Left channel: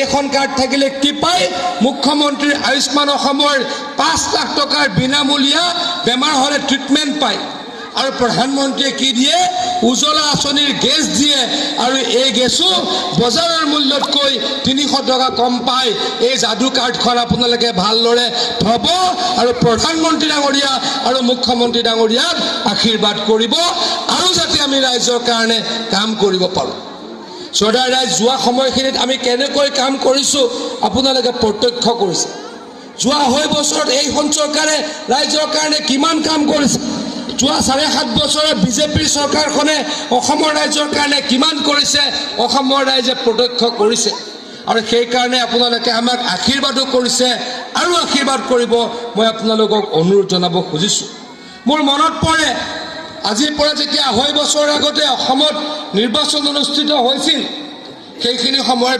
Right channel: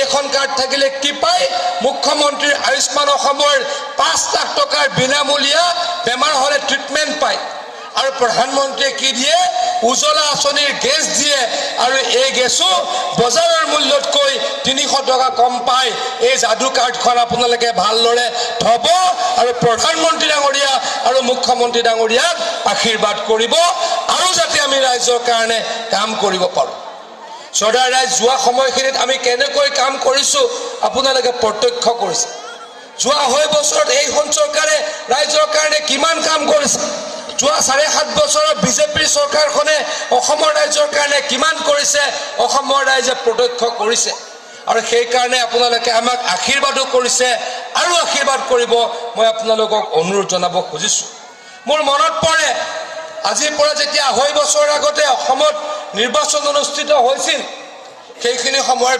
এইখন কাৰ্ড থাকিলে কি পায় মুখ্যমন্ত্ৰীৰ আয়ুষ্মান অসমৰ 5 লাখ টকাৰ বিনামূলীয়া বেমাৰ হলে ট্ৰিটমেণ্ট পায় আৰু প্ৰধানমন্ত্ৰীয়ে কি দিয়ে উজ্জ্বলা আঁচনিৰ গেছ দিয়ে আৰু এই গেছো বজাৰৰ মূল্যতকৈ 300 টকা কম পায় এই যাদু কাৰ্ডখন আপোনালোকে ভালদৰে থব আৰু প্ৰধানমন্ত্ৰী ডাঙৰীয়া আৰু মুখ্যমন্ত্ৰী ডাঙৰীয়াক আশীৰ্বাদ কৰিব আৰু যাতে আমি ৰাজ্যৰ কাৰণে কাম কৰিব পাৰোঁ সদায় ৰাইজ যোৱা সময়খিনিত আমি কেনেকৈ কাম কৰিছো আপোনালোকে প্ৰত্যক্ষ কৰিছে যোৱা হৈ বছৰত এইখন চৰকাৰে ৰাজ্যৰ কাৰণে কিমান কাম কৰিছে যোৱা 7.5 বছৰত বিজেপিৰ চৰকাৰখনে অসমৰ ৰাজ্যৰ কাৰণে কিমান কৰিছে অসমৰ ৰাইজে প্ৰত্যক্ষ কৰিছে আৰু সেই কাৰণে আপোনালোকে আমাক আশীৰ্বাদো কৰিছে আৰু আশীৰ্বাদ কৰিব মই আপোনালোকক অনুৰোধ জনাব খুজিছো মোৰ মনত পৰে আজিৰ পৰা যেতিয়া 2.5 বছৰ আগতে অসমত নিৰ্বাচন অনুষ্ঠিত হৈছিল সেইখিনি সময়ৰ